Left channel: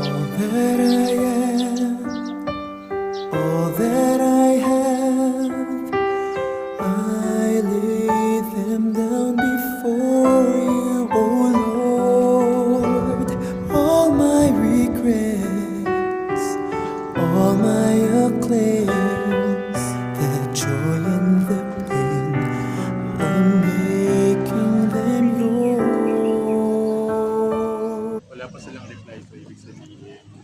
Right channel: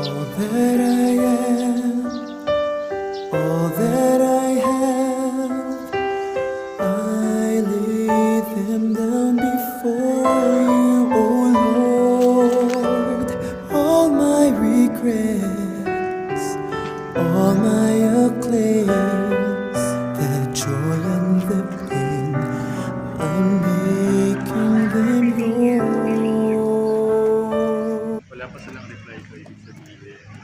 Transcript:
All that I am, all that I have, I lay them down before you, oh Lord. All my regrets, all my acclaims, the joy and the pain, I'm making them yours. Wala pa silang reply, so ibig sabihin